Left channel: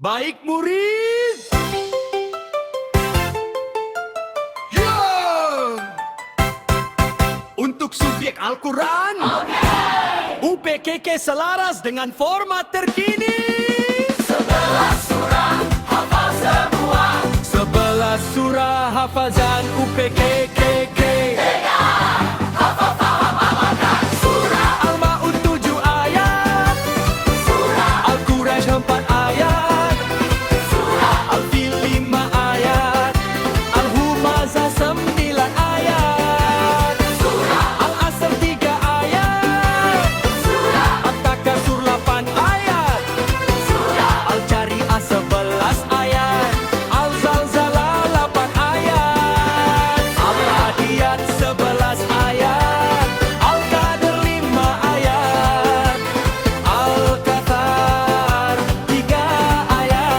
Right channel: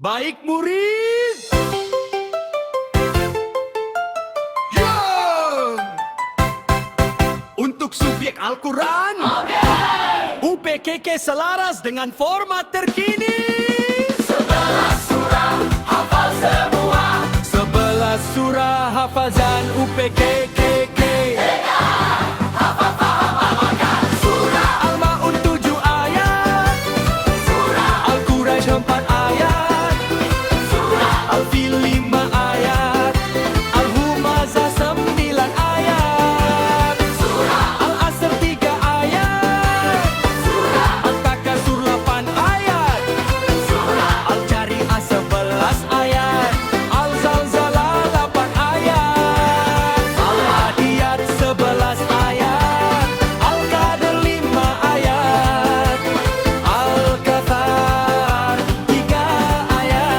Baik murid. Ya. Untuk subjek Al-Quran, UPKK selaras dengan format terkini. 11 surah hafal semua. 11 surah hafazan UPKK. Hafal faham amalkan. Surah Al-Ma'un 7 ayat, surah Al-Quraisy 4 ayat, surah Al-Fil 5 ayat, Al-Humazah 9 ayat, surah Al-Asr 3 ayat, surah At-Takasur 8 ayat, surah Al-Jari'ah 11 ayat, Al-Zalzalah 8 ayat, Al-Adiyat 11 ayat, Al-Qadr 5 ayat, Al-Kathar 3 ayat.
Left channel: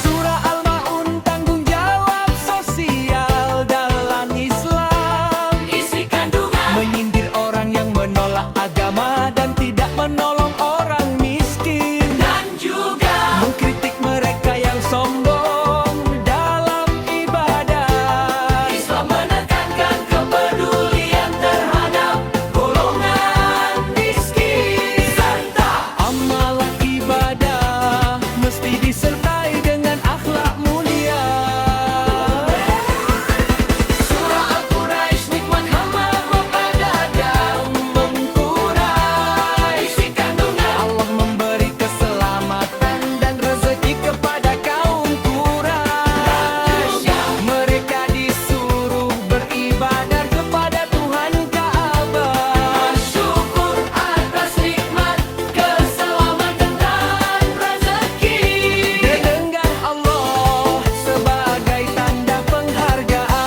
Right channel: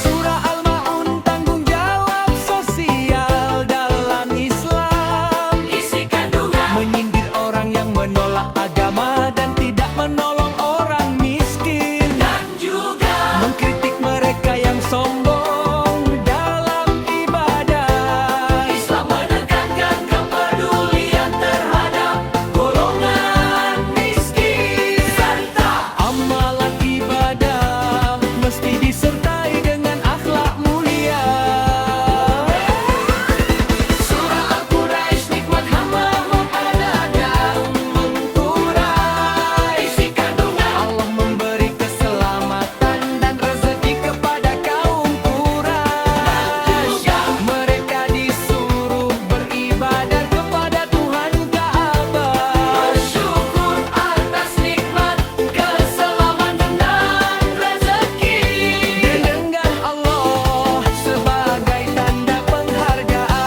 Surah Al-Ma'un tanggung jawab sosial dalam Islam, isi kandungan menyindir orang yang menolak agama dan tidak menolong orang miskin, dan juga mengkritik mereka yang sombong dalam ibadah. Islam menekankan kepedulian terhadap golongan miskin, serta Amalan ibadah mesti disertai dengan akhlak mulia. surah Al-Quraisy nikmat hamba ada dan mengkurai isi kandungan Allah memberi keselamatan dan rezeki kepada kaum Quraisy. Mereka disuruh beribadah kepada Tuhan Ka'bah. bersyukur atas nikmat keselamatan dan rezeki. Dan dengan Allah sebagai tanda penghargaan.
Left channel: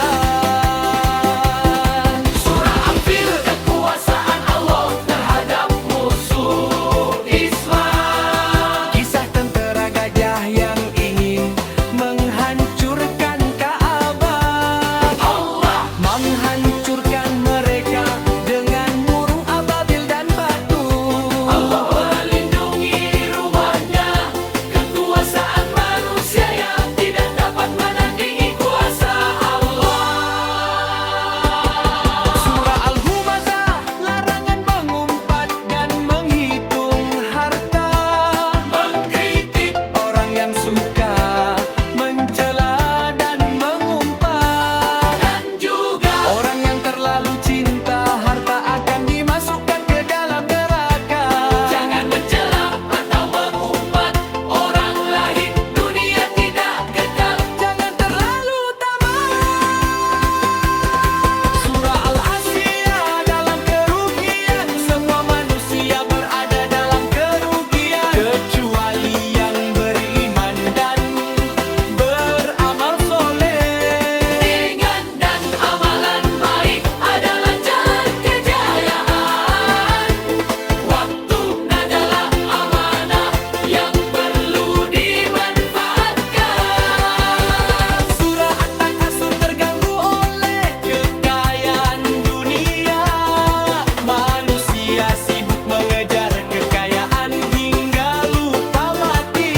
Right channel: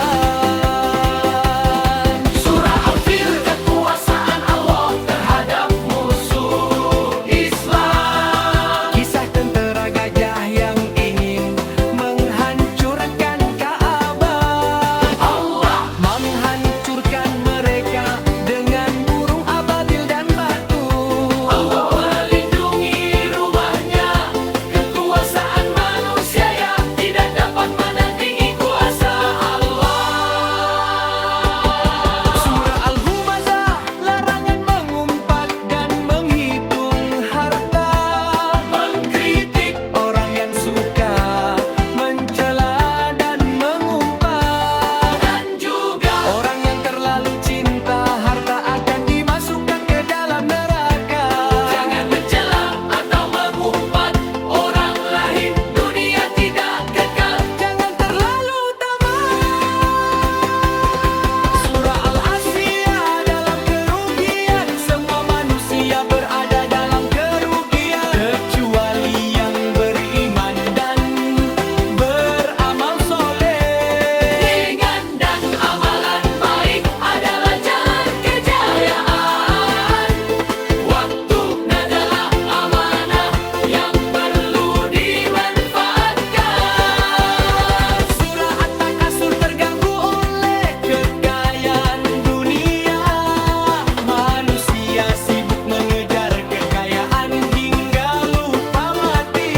Surah Al-Fil kekuasaan Allah terhadap musuh Islam. Kisah tentara gajah yang ingin menghancurkan Ka'bah. Allah Menghancurkan mereka dengan burung ababil dan batu. Allah melindungi rumahnya. Kekuasaan manusia yang tidak dapat menandingi kuasa Allah. Surah Al-Humazah larangan mengumpat dan menghitung harta. Mengkritik Orang yang suka mencela dan mengumpat, dan juga orang yang terlalu cinta harta akan dimasukkan ke dalam neraka. jangan mencela atau mengumpat orang lain. Dunia tidak kekal. Jangan terlalu tamak. Surah Al-Asyiah dalam kerugian. Semua manusia berada dalam kerugian kecuali yang beriman dan beramal soleh. Dengan dan amalan baik adalah jalan kejayaan. Waktu adalah amanah yang perlu dimanfaatkan. Surah At-Takasur terganggu oleh kekayaan dunia. Manusia sibuk mengejar kekayaan hingga lupa mati.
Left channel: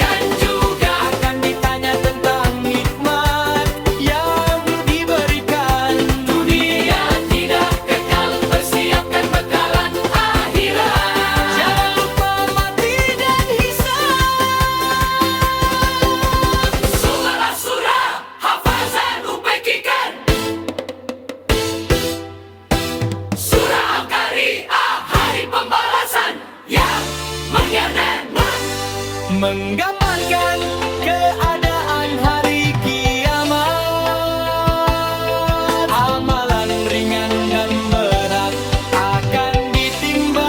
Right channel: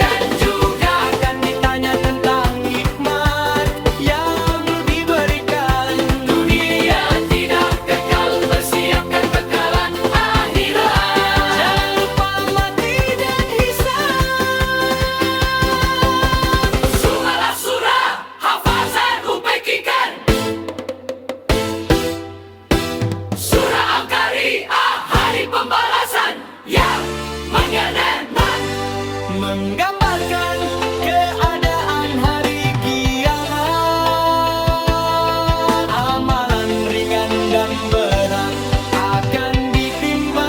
Dan juga Akan ditanya tentang nikmat yang dulu diberikan. dunia tidak kekal. Persiapkan bekalan akhirat. Jangan lupa mati dan hisab. 11 surah hafazan UPKK. Surah Al-Qari'ah hari pembalasan yang Menggambarkan keadaan hari kiamat. Amalan ringan dan berat akan ditimbang.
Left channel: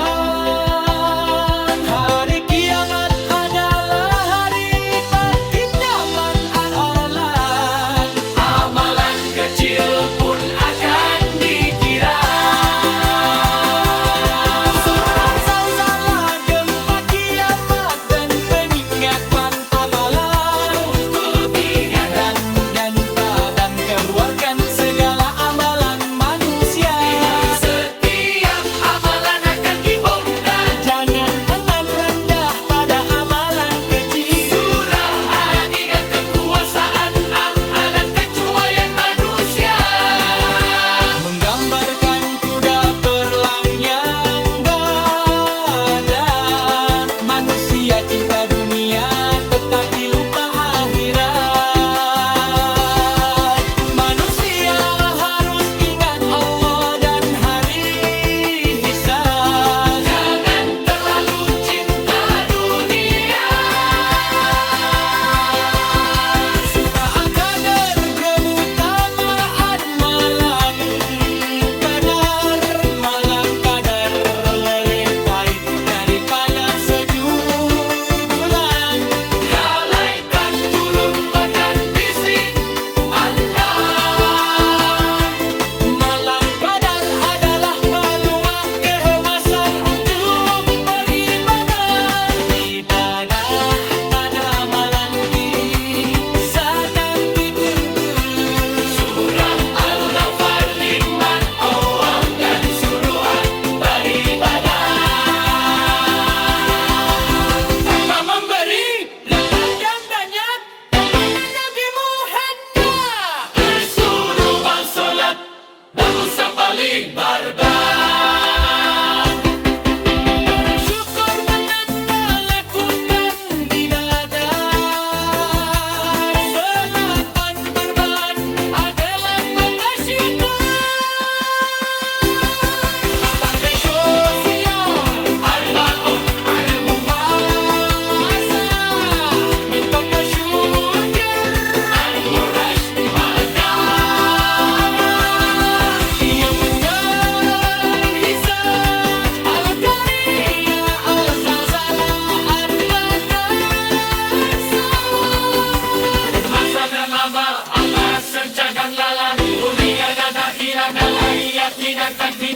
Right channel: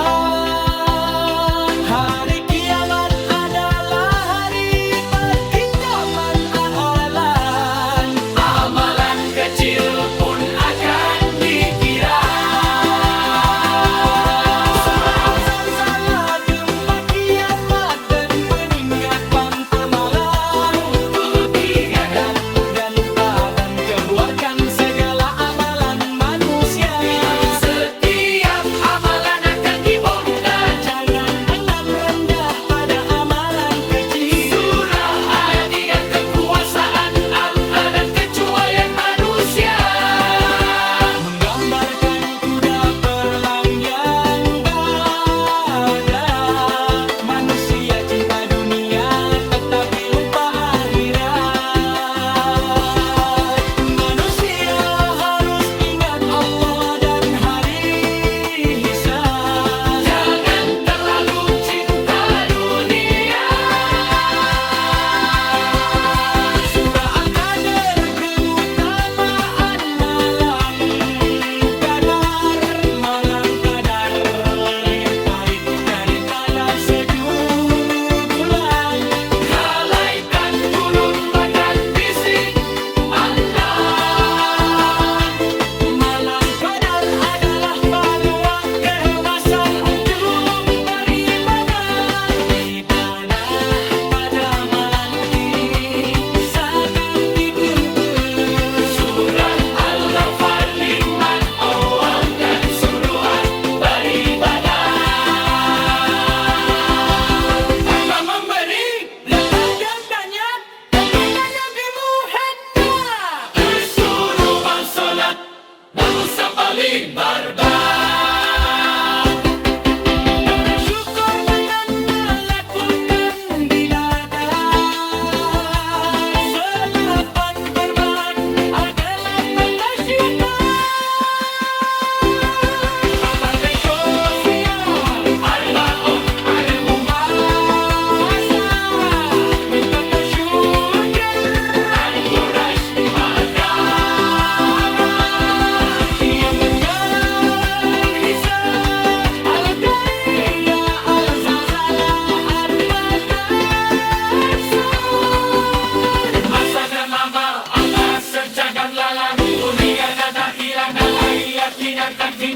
Hari kiamat adalah hari pertindaman amalan. amalan kecil pun akan dikira. Surah Zalzalah gempa kiamat dan peningkatan amalan.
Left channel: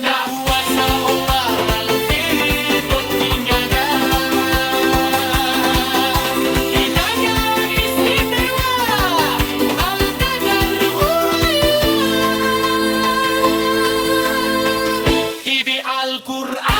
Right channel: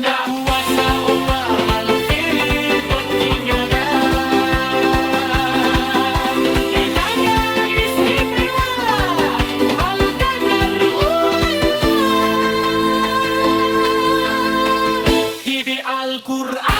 Bunda. Kuasa Allah lalu fitur kinyaga. Hidayah istimewa, halu qadar ulillah. Hibi Al-Qur'an